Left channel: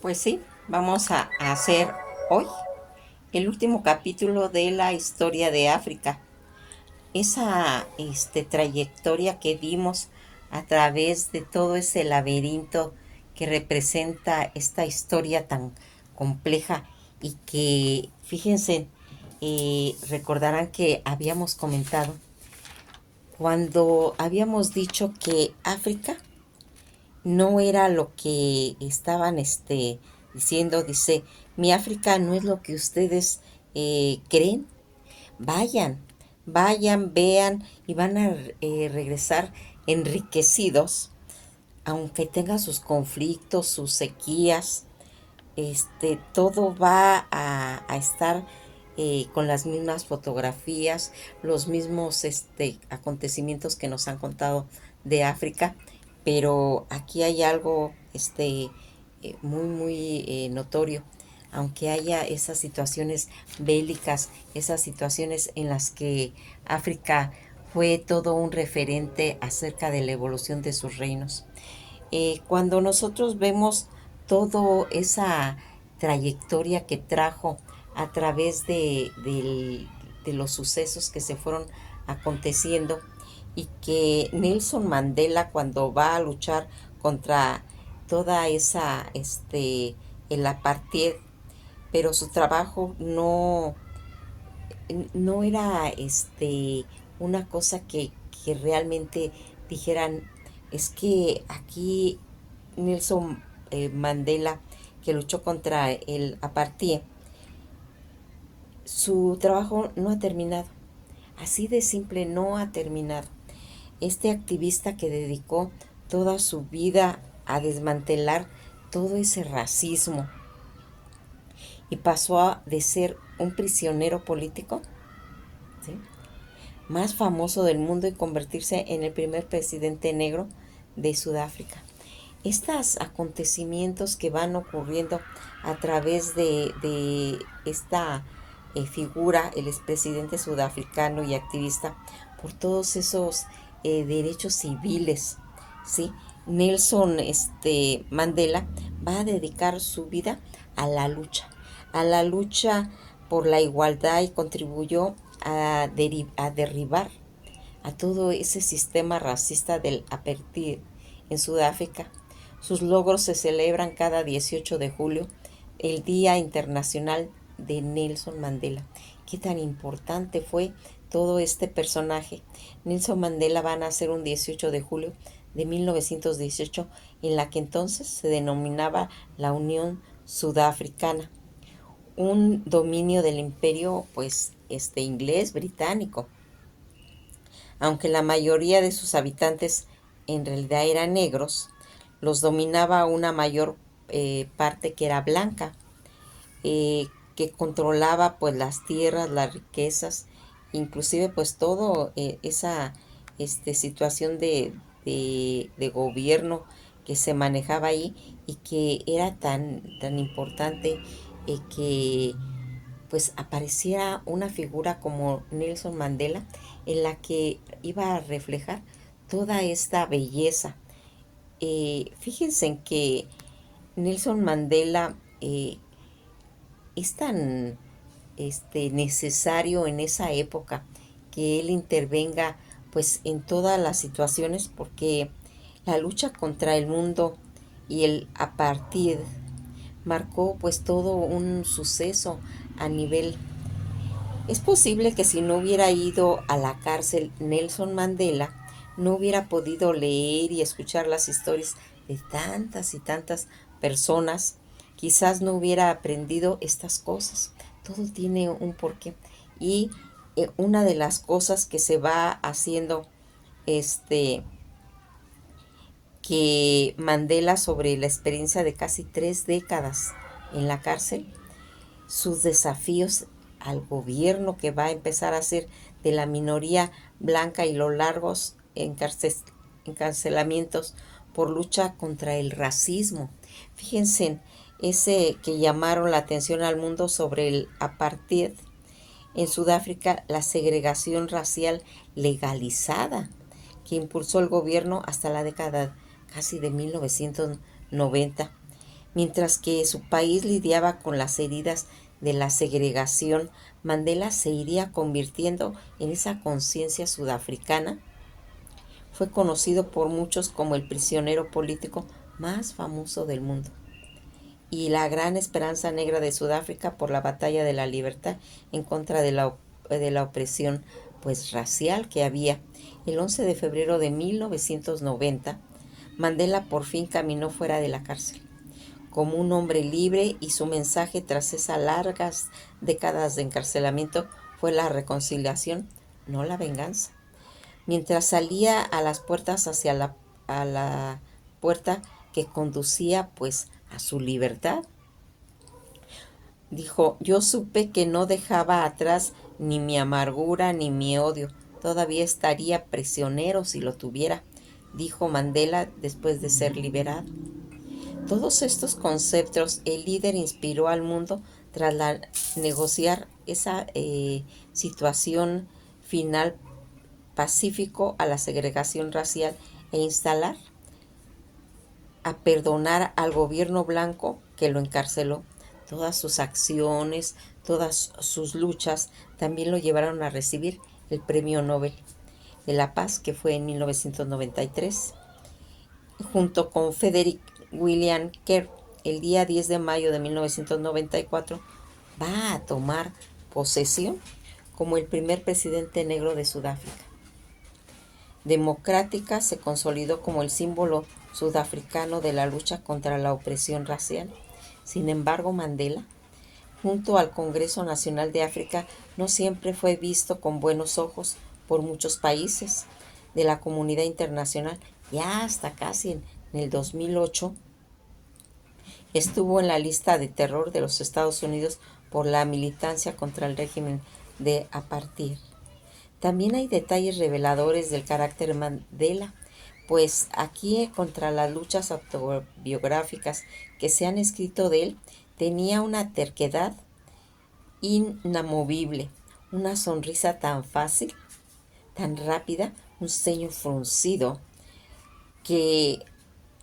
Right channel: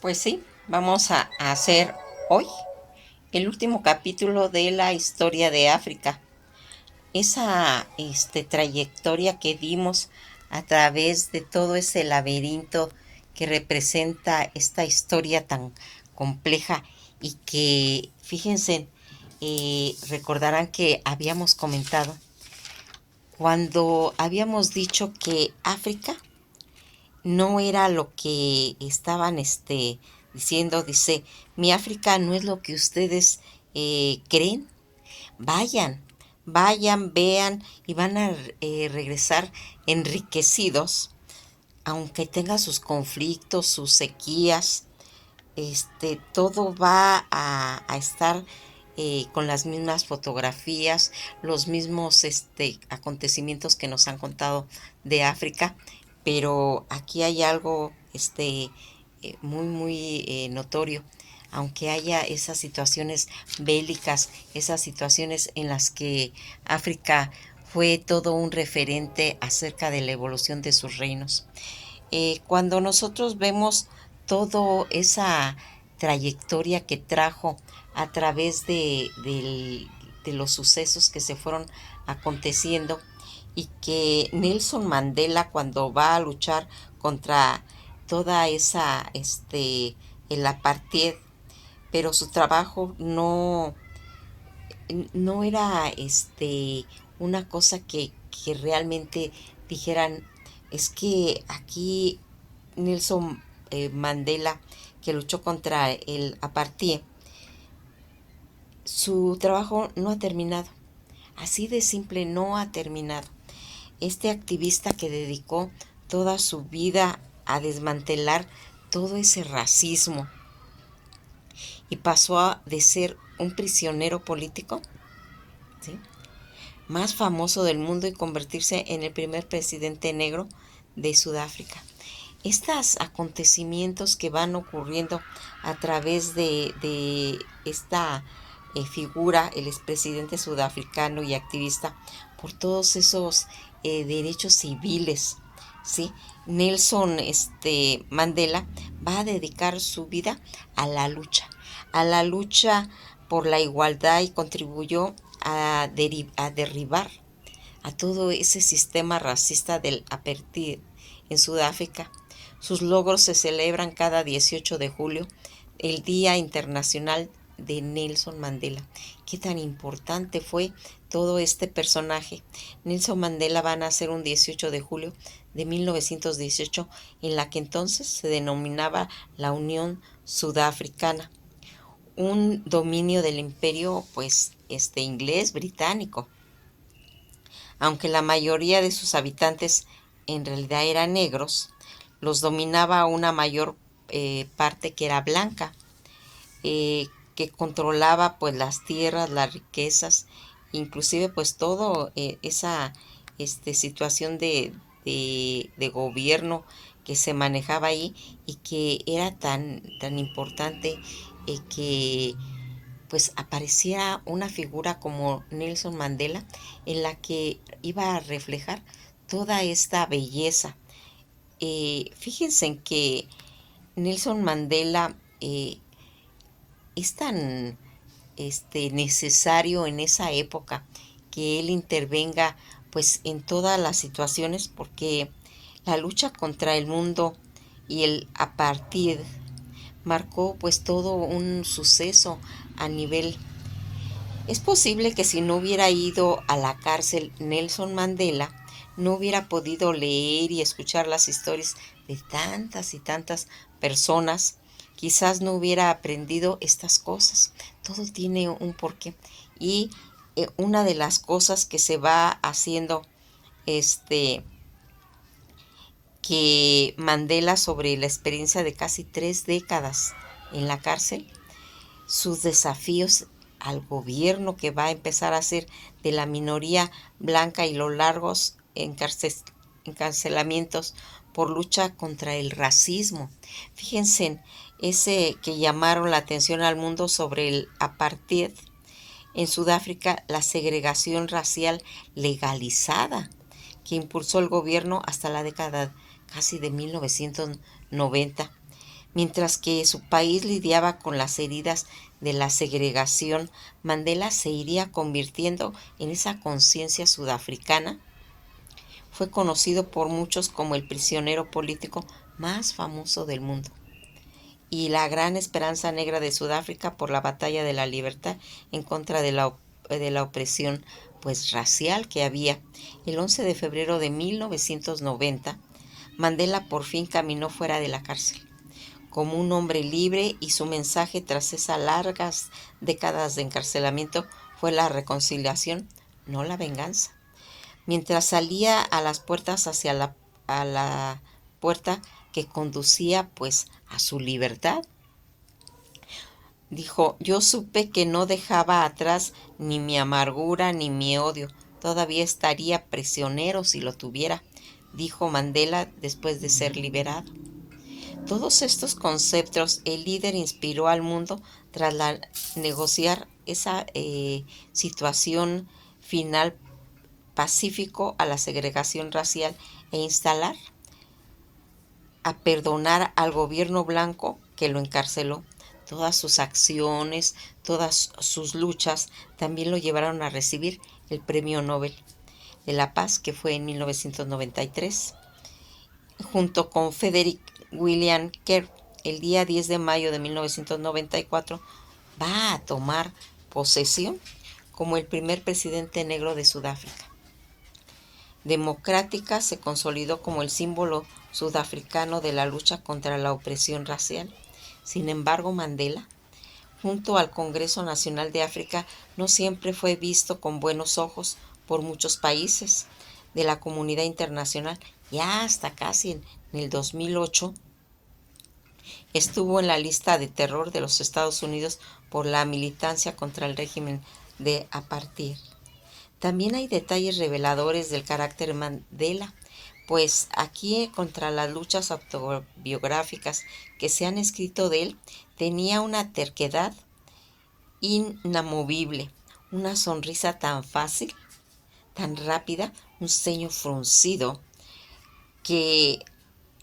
Pues sí, vamos a hacer hoy el último capítulo de la historia de África. Esa trayectoria que dimos a través de todo ese laberinto que representa esta historia tan compleja y que, fíjense, recordarán que habíamos comentado cuando habíamos dicho que África no era lo que estaban diciendo. Dice, mi África no es lo que ustedes creen. Vayan, vayan, vean y van a regresar enriquecidos, aunque tenga sus conflictos, sus sequías. Todo va a estar con las mismas fotografías, los mismos acontecimientos que nos han contado de África, pero aquí hay algo muy notorio. Aunque haya esas situaciones bélicas, esas situaciones en las que África fue todo un referente acerca de la evolución de sus reinos. Cuando nosotros vemos toda esa trayectoria que trajo a través de los sucesos que se fueron aconteciendo, y que Nelson Mandela, cuando va a luchar contra toda esa el apartheid, pero su trabajo no era una cosa que realmente dijeran, es que aquí Nelson Mandela, que luchó contra el apartheid, su trabajo no ha terminado. Así de simple, no ha terminado. Este activista que dedicó toda su vida a desmantelar todo ese racismo y pasó de ser un prisionero político, ¿sí?, más famoso del mundo, y convertirse en el primer presidente negro de Sudáfrica. Estos acontecimientos que van ocurriendo a través de esta figura, el expresidente sudafricano y activista por todos esos derechos civiles, ¿sí? Nelson Mandela va a dedicar su vida a la lucha por la igualdad, y contribuyó a derribar a todo ese sistema racista del apartheid en Sudáfrica. Sus logros se celebran cada 18 de julio, el Día Internacional de Nelson Mandela. Qué tan importante fue todo este personaje. Nelson Mandela va a nacer un 18 de julio de 1918, en la que entonces se denominaba la Unión Sudafricana, un dominio del imperio inglés británico. Aunque la mayoría de sus habitantes en realidad eran negros, los dominaba una mayor parte que era blanca, que controlaba pues las tierras, las riquezas, inclusive pues todo esa situación de gobierno que se manejaba ahí, y que era tan importante que pues apareciera una figura como Nelson Mandela, en la que iba a reflejar toda esta belleza. Fíjense en que Nelson Mandela es tan necesario en esa época que él intervenga pues en todas las situaciones, porque la lucha contra el mundo y el apartheid marcó pues todo un suceso a nivel. Es posible que si no hubiera ido a la cárcel Nelson Mandela, no hubiera podido leer y escuchar las historias de tantas y tantas personas. Quizás no hubiera aprendido estas cosas. Todo tiene un porqué. Y una de las cosas que se va haciendo, que Mandela, sobre la experiencia de casi 3 décadas en la cárcel, sus desafíos al gobierno que va a empezar a hacer de la minoría blanca, y los largos encarcelamientos por lucha contra el racismo. Fíjense en ese que llamaron la atención al mundo sobre el apartheid en Sudáfrica, la segregación racial legalizada que impulsó el gobierno hasta la década casi de 1990. Mientras que su país lidiaba con las heridas de la segregación, Mandela se iría convirtiendo en esa conciencia sudafricana. Fue conocido por muchos como el prisionero político más famoso del mundo y la gran esperanza negra de Sudáfrica por la batalla de la libertad en contra de la opresión pues racial que había. El 11 de febrero de 1990, Mandela por fin caminó fuera de la cárcel como un hombre libre, y su mensaje tras esas largas décadas de encarcelamiento fue la reconciliación, no la venganza. Mientras salía a las puertas a la puerta que conducía pues a su libertad, dijo: yo supe que no dejaba atrás ni mi amargura ni mi odio, todavía estaría prisionero si lo tuviera, dijo Mandela después de ser liberado. Todos estos conceptos el líder inspiró al mundo tras negociar esa situación final pacífico a la segregación racial e instalar a perdonar al gobierno blanco que lo encarceló. Todas sus acciones, todas sus luchas también lo llevaron a recibir el Premio Nobel de la Paz, que fue en 1993, junto con Frederick William Kerr. El día 10 de mayo de 1994 va a tomar posesión como el primer presidente negro de Sudáfrica. Democrática se consolidó como el símbolo sudafricano de la lucha contra la opresión racial. Sin embargo, Mandela, junto al Congreso Nacional de África, no siempre fue visto con buenos ojos por muchos países de la comunidad internacional. Ya hasta casi en el 2008 estuvo en la lista de terror de los Estados Unidos por la militancia contra el régimen de apartheid. También hay detalles reveladores del carácter Mandela, pues aquí, contra las luchas autobiográficas que se han escrito de él, tenía una terquedad inamovible, una sonrisa tan fácil, tan rápida, un ceño fruncido, que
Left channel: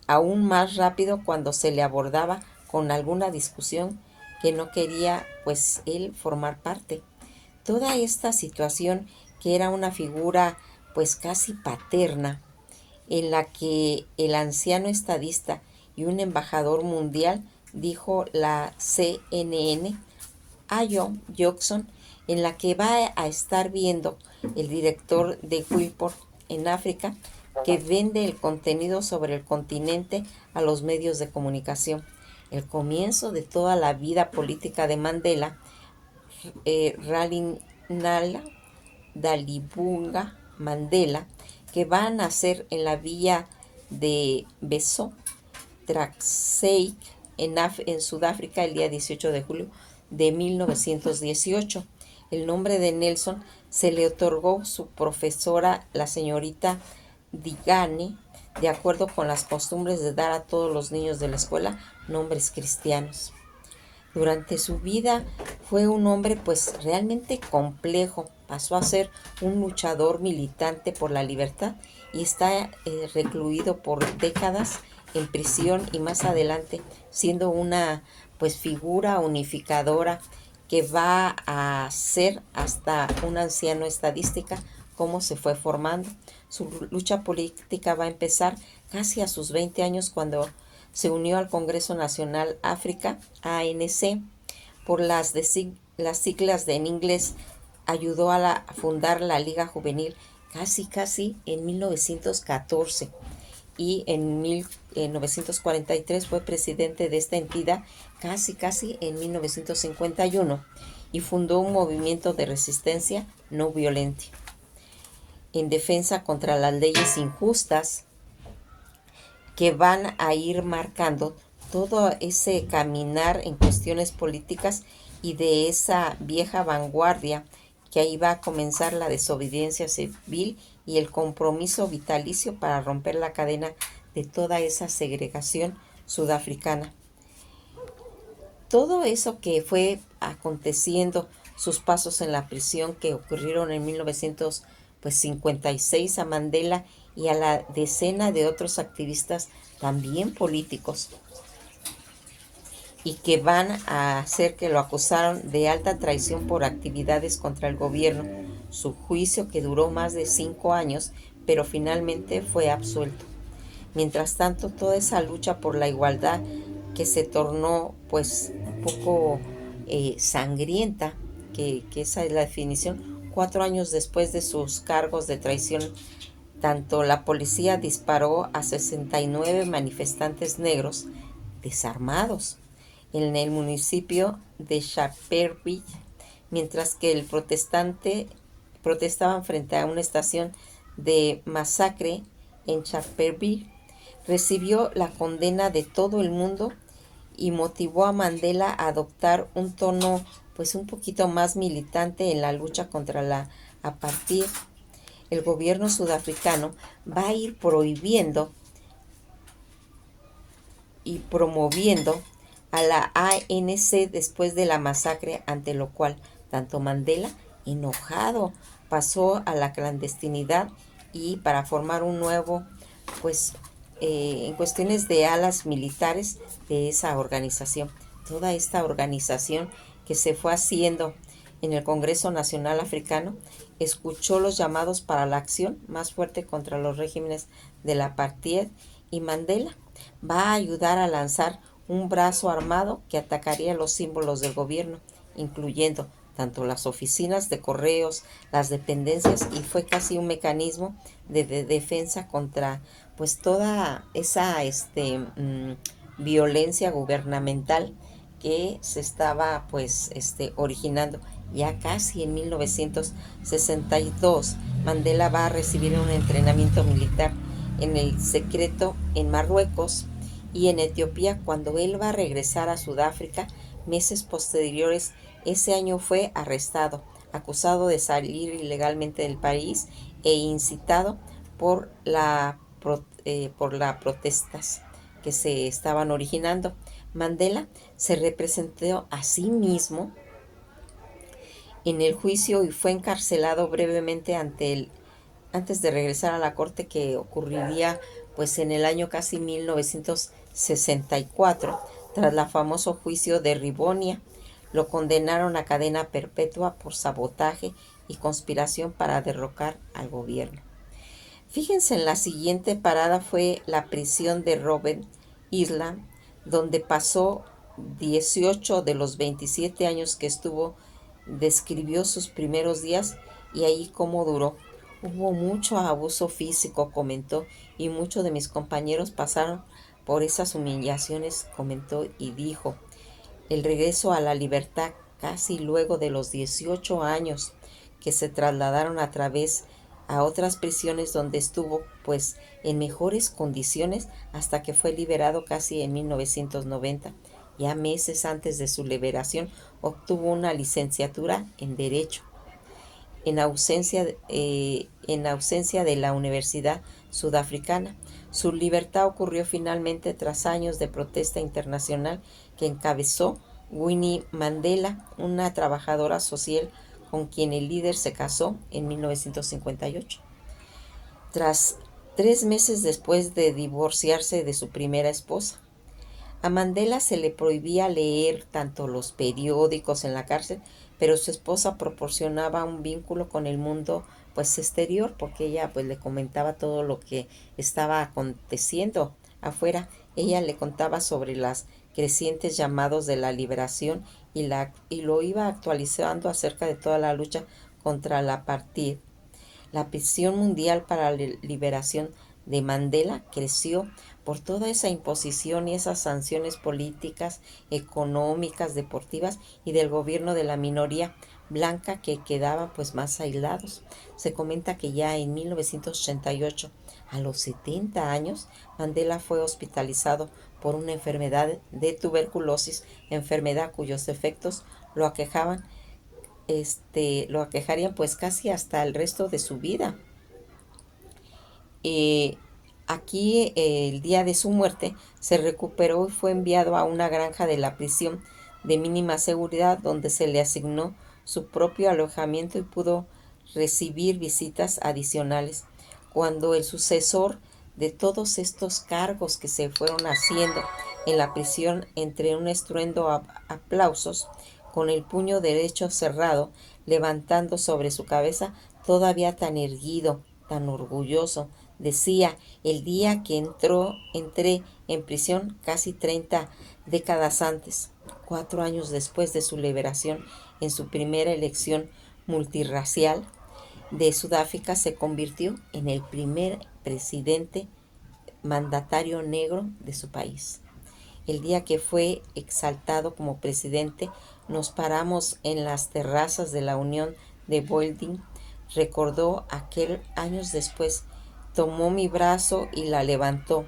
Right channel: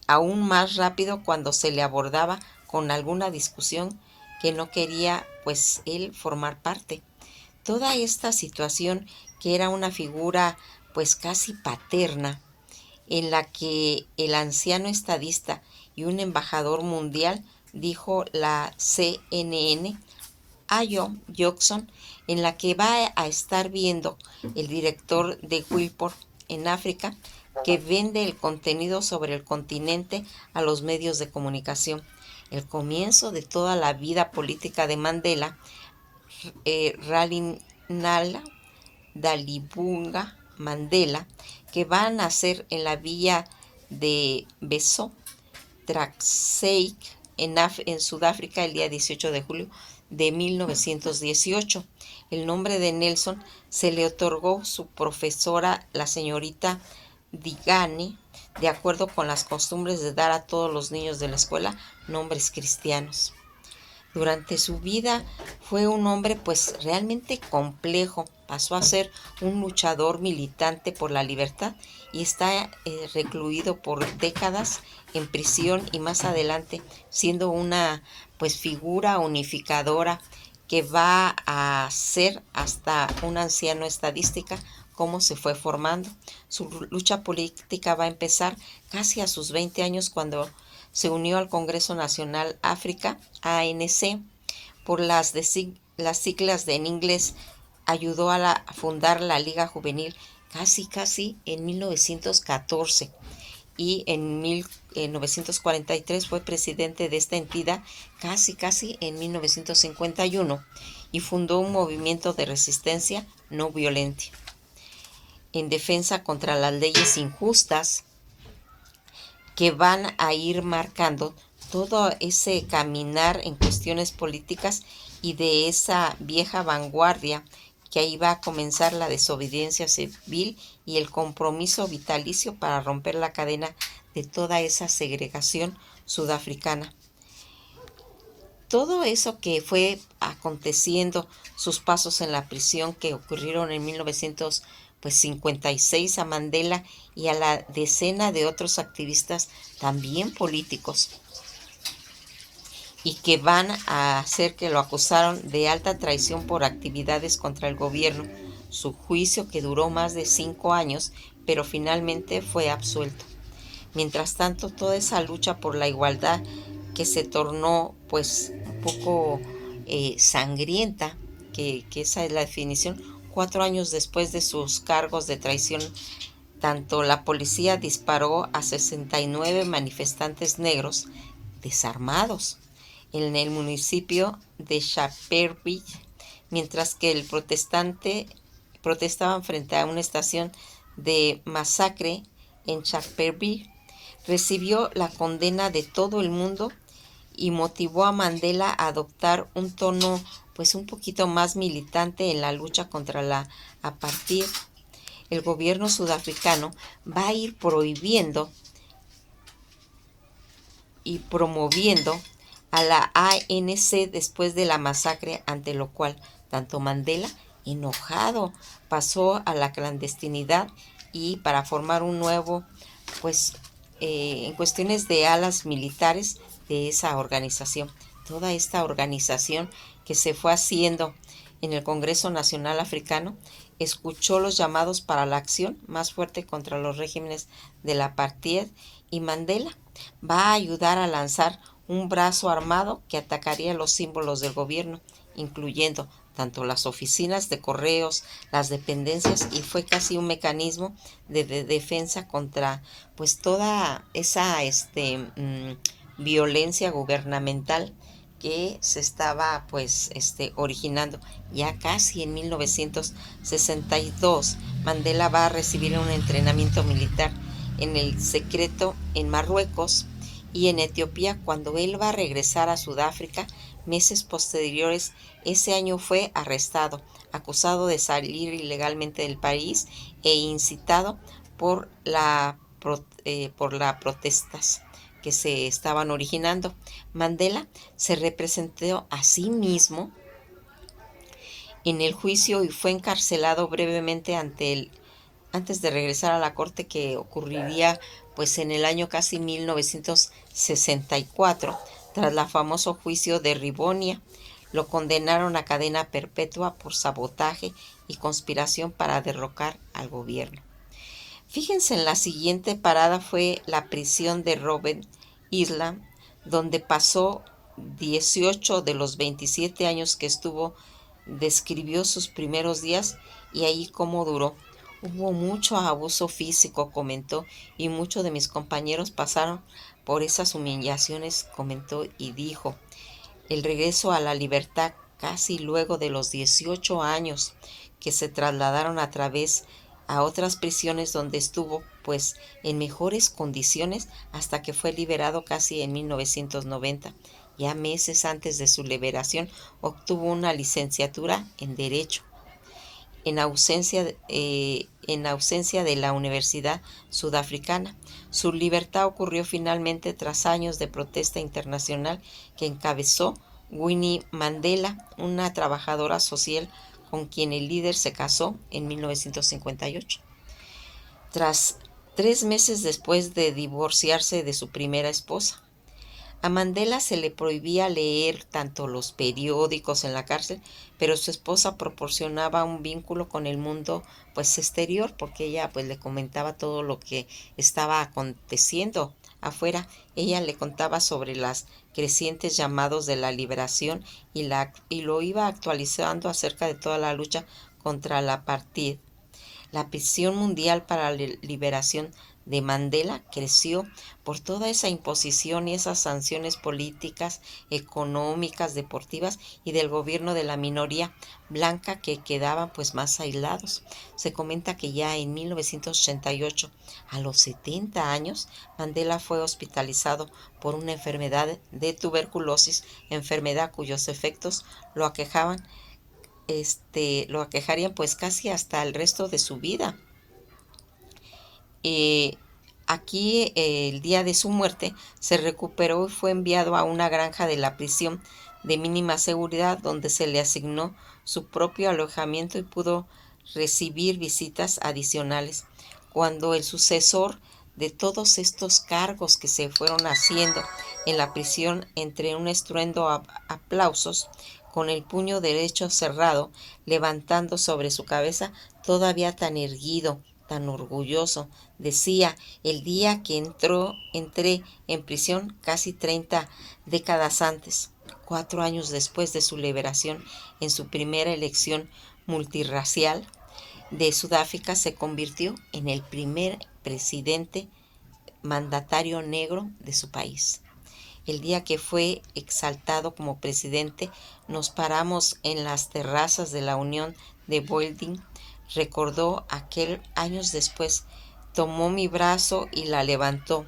aún más rápido cuando se le abordaba con alguna discusión que no quería pues él formar parte. Toda esta situación, que era una figura pues casi paterna, en la que el anciano estadista y un embajador mundial, dijo la CNN a John Jackson, en la que va a estar viendo el director de Wilport en África, que vende el contenido sobre el continente a los medios de comunicación. El comienzo de toda la vida política de Mandela, Ralinala Dalibunga Mandela, que va a nacer en la villa de Beso Traxeik en Sudáfrica el día 18 de julio de 1918. El nombre de Nelson se le otorgó su profesora, la señorita Digane, de acuerdo con las costumbres de dar a todos los niños de la escuela nombres cristianos. Durante su vida fue un hombre pues realmente complejo. Pasó a ser un luchador militante por la libertad y está recluido por décadas en prisión, y más adelante siendo una pues figura unificadora que va a ser hasta un anciano estadística, cómo se fue formando. Su lucha política va a empezar casi a sus 20 años, cuando se unió al Congreso Nacional África, ANC, por las siglas en inglés. Ayudó a fundar la Liga Juvenil casi en 1914, y en 1943 fue presidente de esta entidad casi en 1951, y fundó un movimiento de resistencia no violenta en defensa contra las leyes injustas que van a ir marcando todo ese caminar en cuestiones políticas, y de esa vieja vanguardia que ahí va a comenzar la desobediencia civil y el compromiso vitalicio para romper la cadena de toda esa segregación sudafricana. Todo eso que fue aconteciendo, sus pasos en la prisión que ocurrieron en 1956 a Mandela y a la decena de otros activistas también políticos, y que van a hacer que lo acusaron de alta traición por actividades contra el gobierno. Su juicio, que duró más de 5 años, pero finalmente fue absuelto. Mientras tanto, toda esa lucha por la igualdad, que se tornó pues un poco sangrienta, que esa es la definición, 4 años después de sus cargos de traición, tanto la policía disparó a 69 manifestantes negros desarmados en el municipio de Sharperville, mientras que el protestante protestaban frente a una estación de masacre en Sharperville. Recibió la condena de todo el mundo y motivó a Mandela a adoptar un tono pues un poquito más militante en la lucha contra la apartheid. El gobierno sudafricano va a ir prohibiendo y promoviendo a la ANC después de la masacre, ante lo cual tanto Mandela, enojado, pasó a la clandestinidad y para formar un nuevo, pues en cuestiones de alas militares de esa organización. Toda esta organización que se fue haciendo en el Congreso Nacional Africano escuchó los llamados para la acción más fuerte contra los regímenes de la apartheid, y Mandela va a ayudar a lanzar un brazo armado que atacaría los símbolos del gobierno, incluyendo tanto las oficinas de correos, las dependencias, y fue casi un mecanismo de defensa contra pues toda esa violencia gubernamental que se estaba pues originando. Ya casi en 1962 Mandela va a recibir un entrenamiento militar en el secreto en Marruecos y en Etiopía. Cuando él va a regresar a Sudáfrica meses posteriores, ese año fue arrestado, acusado de salir ilegalmente del país e incitado por por las protestas que se estaban originando. Mandela se representó a sí mismo en el juicio y fue encarcelado brevemente antes de regresar a la corte, que ocurriría pues en el año casi 1964, tras el famoso juicio de Rivonia. Lo condenaron a cadena perpetua por sabotaje y conspiración para derrocar al gobierno. Fíjense, en la siguiente parada fue la prisión de Robben Island, donde pasó 18 de los 27 años que estuvo. Describió sus primeros días y ahí cómo duró. Hubo mucho abuso físico, comentó, y muchos de mis compañeros pasaron por esas humillaciones, comentó, y dijo. El regreso a la libertad casi luego de los 18 años que se trasladaron a través a otras prisiones, donde estuvo pues en mejores condiciones hasta que fue liberado casi en 1990. Ya meses antes de su liberación obtuvo una licenciatura en Derecho en ausencia de la Universidad Sudafricana. Su libertad ocurrió finalmente tras años de protesta internacional que encabezó Winnie Mandela, una trabajadora social con quien el líder se casó en 1958. Tras 3 meses después de divorciarse de su primera esposa, a Mandela se le prohibía leer tanto los periódicos en la cárcel, pero su esposa proporcionaba un vínculo con el mundo pues exterior, porque ella pues le comentaba todo lo que estaba aconteciendo afuera. Ella le contaba sobre las crecientes llamados de la liberación y lo iba actualizando acerca de toda la lucha contra la apartheid. La presión mundial para la liberación de Mandela creció por toda esa imposición y esas sanciones políticas, económicas, deportivas y del gobierno de la minoría blanca, que quedaban pues más aislados. Se comenta que ya en 1988, a los 70 años, Mandela fue hospitalizado por una enfermedad de tuberculosis, enfermedad cuyos efectos lo aquejaban lo aquejarían pues casi hasta el resto de su vida. Aquí el día de su muerte se recuperó y fue enviado a una granja de la prisión de mínima seguridad, donde se le asignó su propio alojamiento y pudo recibir visitas adicionales. Cuando el sucesor de todos estos cargos que se fueron haciendo en la prisión entre un estruendo aplausos, con el puño derecho cerrado, levantando sobre su cabeza, todavía tan erguido, tan orgulloso, decía: el día que entré en prisión casi 30 décadas antes, 4 años después de su liberación, en su primera elección multirracial de Sudáfrica, se convirtió en el primer presidente mandatario negro de su país. El día que fue exaltado como presidente, nos paramos en las terrazas de la Unión de Building. Recordó aquel años después. Tomó mi brazo y la levantó.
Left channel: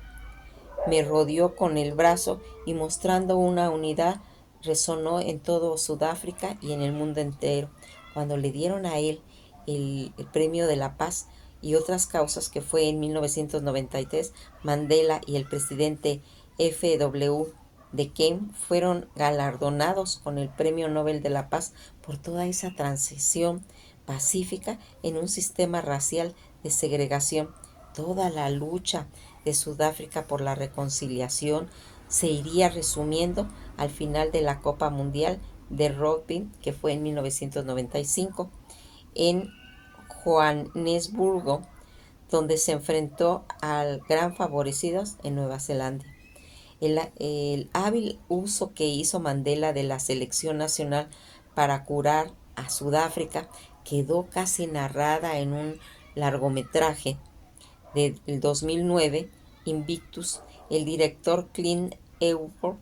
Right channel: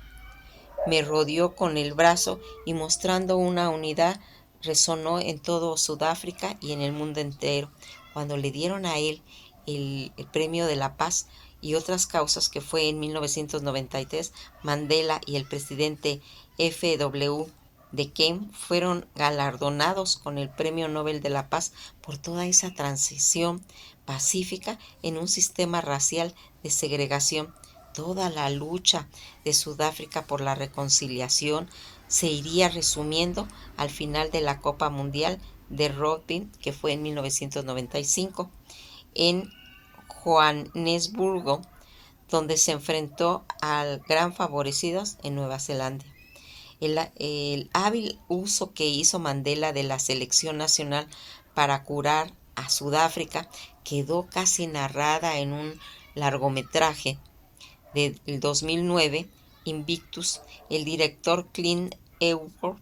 Me rodeó con el brazo y, mostrando una unidad, resonó en todo Sudáfrica y en el mundo entero. Cuando le dieron a él el Premio de la Paz y otras causas, que fue en 1993, Mandela y el presidente F.W. de Keynes fueron galardonados con el Premio Nobel de la Paz por toda esa transición pacífica en un sistema racial de segregación. Toda la lucha de Sudáfrica por la reconciliación se iría resumiendo al final de la Copa Mundial de Rugby, que fue en 1995, en Johannesburgo, donde se enfrentó al gran favorecidos en Nueva Zelanda. El hábil uso que hizo Mandela de la selección nacional para curar a Sudáfrica quedó casi narrada en un largometraje del 2009, Invictus. El director Clint Eastwood,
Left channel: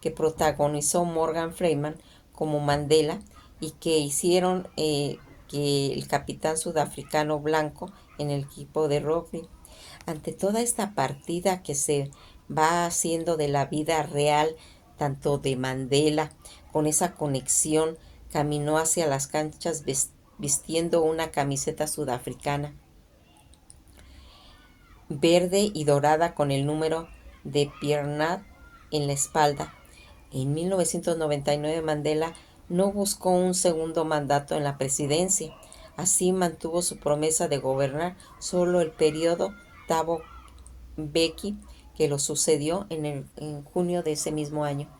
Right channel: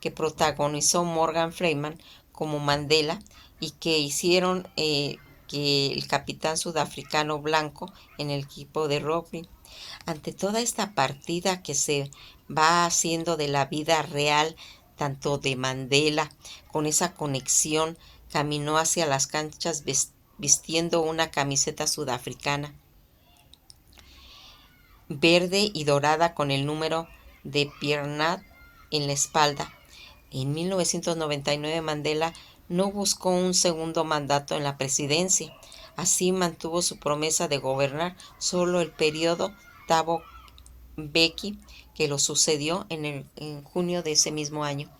que protagonizó Morgan Freeman como Mandela, y que hicieron que el capitán sudafricano blanco en el equipo de rugby. Ante toda esta partida que se va haciendo de la vida real, tanto de Mandela, con esa conexión, caminó hacia las canchas vistiendo una camiseta sudafricana verde y dorada con el número de Pierre en la espalda. En 1999, Mandela no buscó un segundo mandato en la presidencia. Así mantuvo su promesa de gobernar solo el periodo Thabo Mbeki, que lo sucedió en junio de ese mismo año.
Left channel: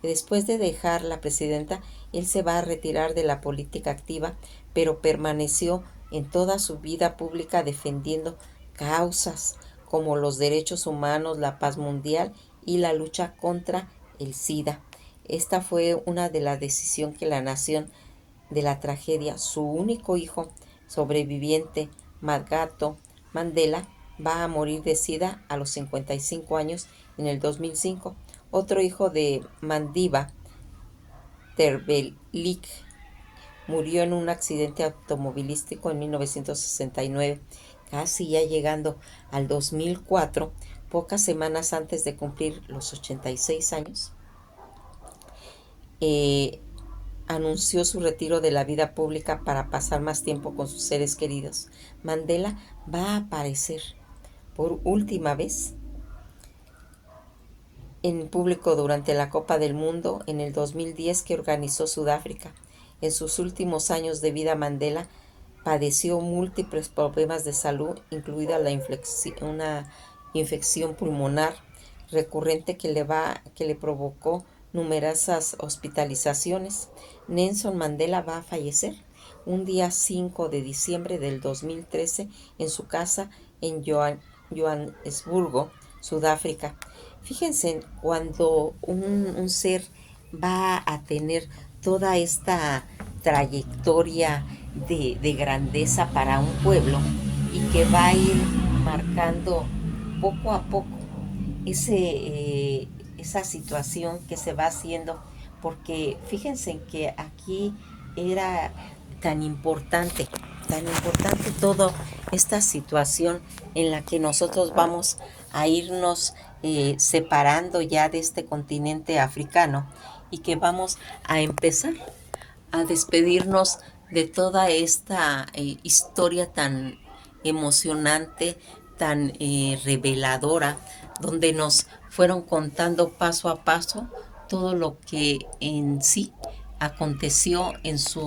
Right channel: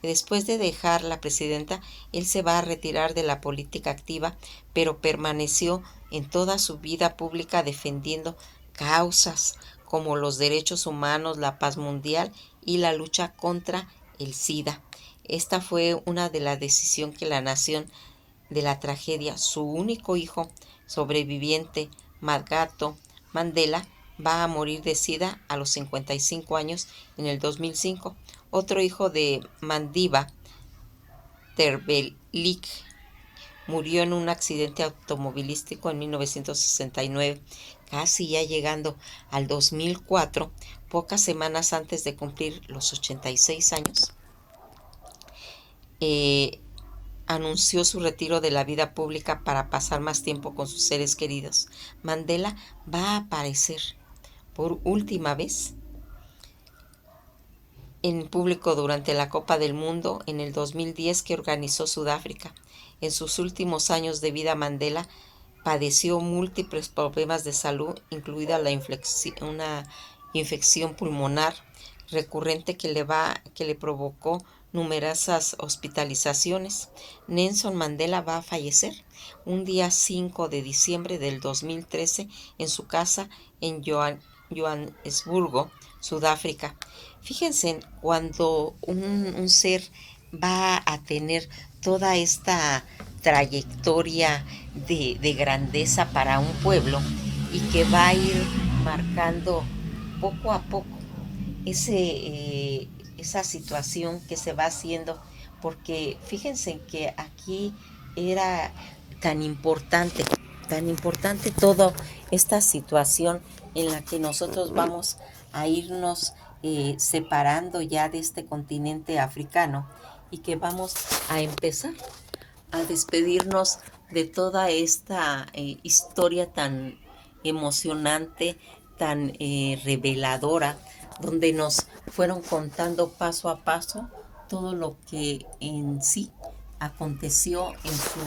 Después de dejar la presidenta, él se va a retirar de la política activa, pero permaneció en toda su vida pública defendiendo causas como los derechos humanos, la paz mundial y la lucha contra el SIDA. Esta fue una de las decisiones que la nación de la tragedia, su único hijo sobreviviente, Magato Mandela, va a morir de SIDA a los 55 años en el 2005. Otro hijo de Mandiba, Terbelik, murió en un accidente automovilístico en 1969, casi ya llegando al 2004, pocas semanas antes de cumplir los 86 años. Anunció su retiro de la vida pública para pasar más tiempo con sus seres queridos. Mandela va a aparecer por última vez en público durante la Copa del Mundo en el 2010, que organizó Sudáfrica. En sus últimos años de vida, Mandela padeció múltiples problemas de salud, incluida una infección pulmonar recurrente que le provocó numerosas hospitalizaciones. Nelson Mandela va a fallecer un día 5 de diciembre del 2013 en su casa en Johannesburgo, Sudáfrica. Fíjense, cuando un ser va a tener toda esta trayectoria de grandeza para un pueblo, y que va a ir marcando poco a poco esa situación que se va haciendo, porque fíjense que aquí era tan importante toda esta situación en la que nosotros vamos a irnos separando ya de este continente africano, y que vamos a empezar a despedirnos de toda esta historia tan emocionante, tan reveladora, donde nos fueron contando paso a paso todo lo que en sí aconteció en su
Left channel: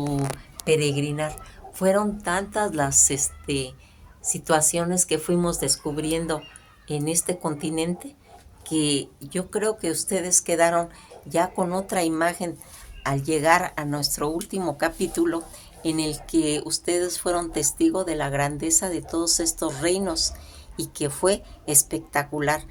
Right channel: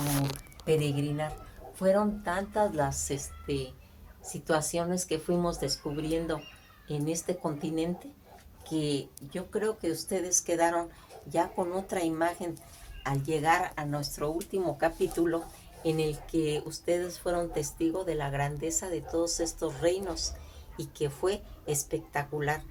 peregrinar. Fueron tantas las situaciones que fuimos descubriendo en este continente, que yo creo que ustedes quedaron ya con otra imagen al llegar a nuestro último capítulo, en el que ustedes fueron testigos de la grandeza de todos estos reinos y que fue espectacular,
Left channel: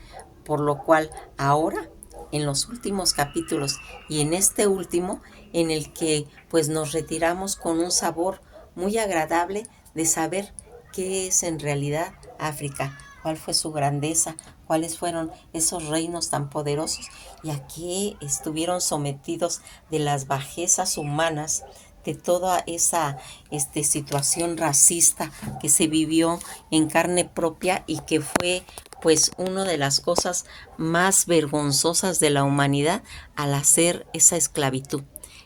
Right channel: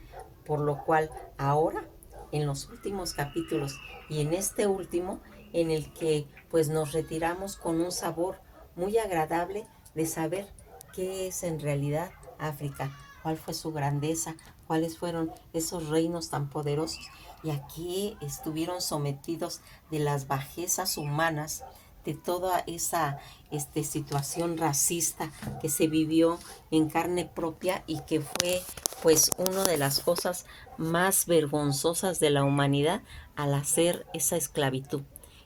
por lo cual ahora en los últimos capítulos y en este último, en el que pues nos retiramos con un sabor muy agradable de saber qué es en realidad África, cuál fue su grandeza, cuáles fueron esos reinos tan poderosos y a qué estuvieron sometidos de las bajezas humanas, de toda esa situación racista que se vivió en carne propia y que fue pues una de las cosas más vergonzosas de la humanidad al hacer esa esclavitud.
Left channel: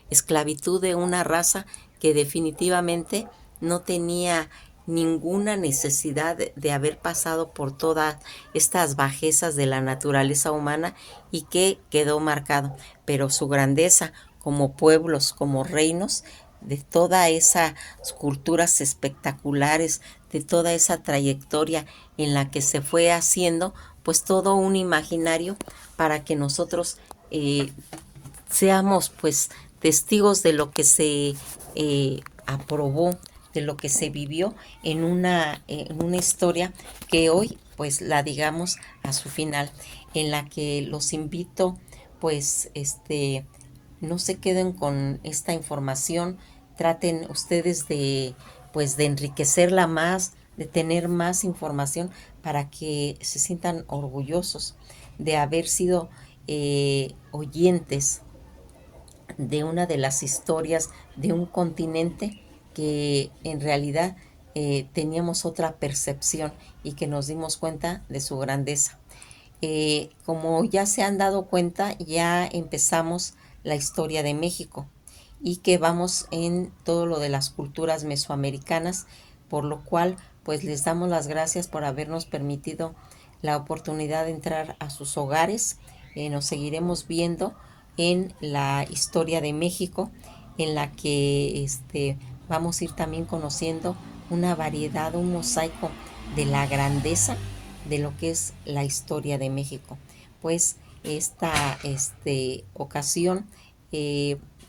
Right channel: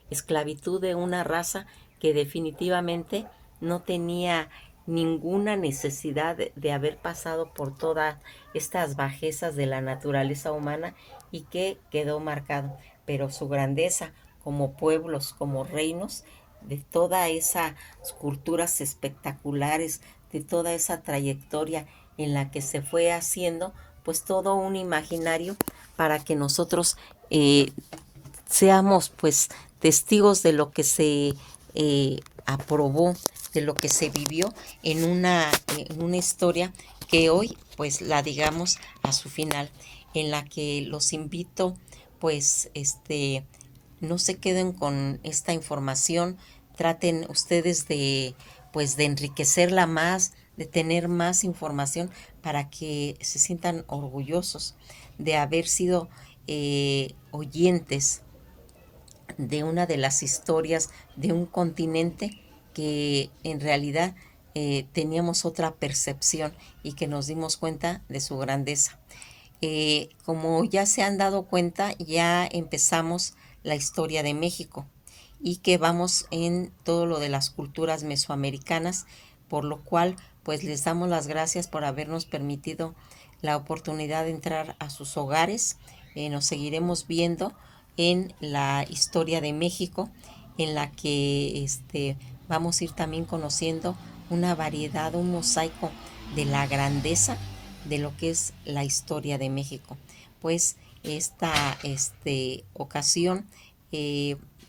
Esclavitud de una raza que definitivamente no tenía ninguna necesidad de haber pasado por todas estas bajezas de la naturaleza humana y que quedó marcado. Pero su grandeza como pueblos, como reinos, de toda esas culturas espectaculares, de toda esa trayectoria en la que se fue haciendo, pues todo un imaginario para que nosotros seamos pues testigos de lo que se aprobó, de lo que se vivió en una historia que hoy pues la digamos a su final, en la que los invito pues no se queden con esta información, traten ustedes de pues de enriquecerla más, de tener más información para que se sientan orgullosos de haber sido oyentes de una de las historias de un continente que en realidad teníamos otra percepción y que nos dimos cuenta de su grandeza. Como ya se han dado cuenta, ya empezamos la historia de México y que vamos en todo lo de las culturas mesoamericanas, por lo cual pues les damos las gracias por habernos permitido la oportunidad de entrar a sus hogares. Nos seguiremos viendo en la historia de México, en la que vamos a ir también conociendo una variedad, un mosaico de la grandeza de lo que es la historia de México. Pues esta ocasión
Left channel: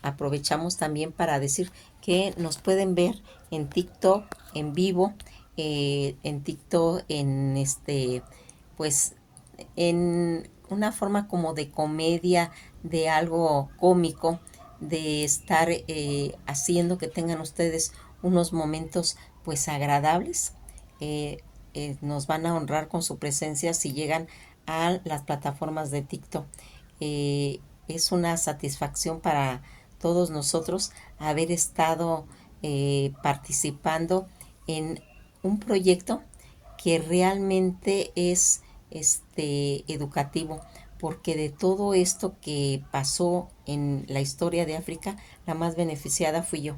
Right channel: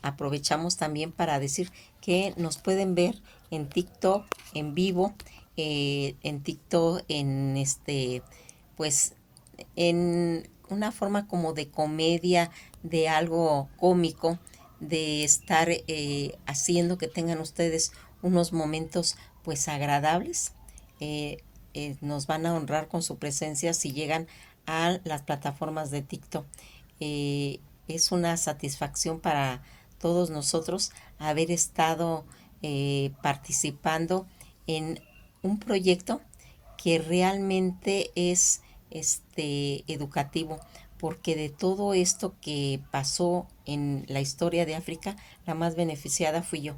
aprovechamos también para decir que nos pueden ver en TikTok en vivo, en TikTok pues en una forma como de comedia, de algo cómico, de estar haciendo que tengan ustedes unos momentos pues agradables. Eh, nos van a honrar con su presencia si llegan a las plataformas de TikTok. Eh, es una satisfacción para todos nosotros haber estado participando en un proyecto que realmente es educativo, porque de todo esto que pasó en la historia de África, la más beneficiada fui yo.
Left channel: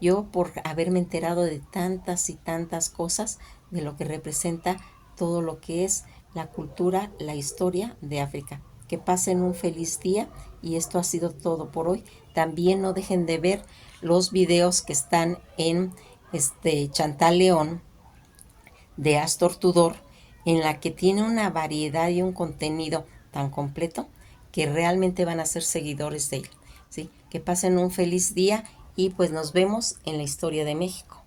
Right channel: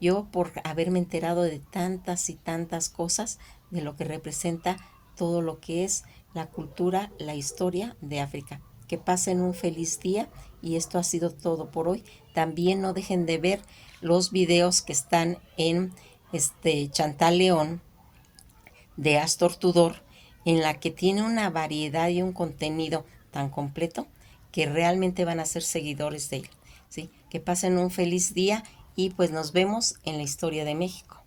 Yo por haberme enterado de tantas y tantas cosas, de lo que representa todo lo que es la cultura, la historia de África. Que pasen un feliz día y esto ha sido todo por hoy. También no dejen de ver los videos que están en Chantal León de Astor Tudor, en la que tiene una variedad y un contenido tan completo que realmente van a ser seguidores de él. ¿Sí? Que pasen un feliz día y pues nos vemos en la historia de México.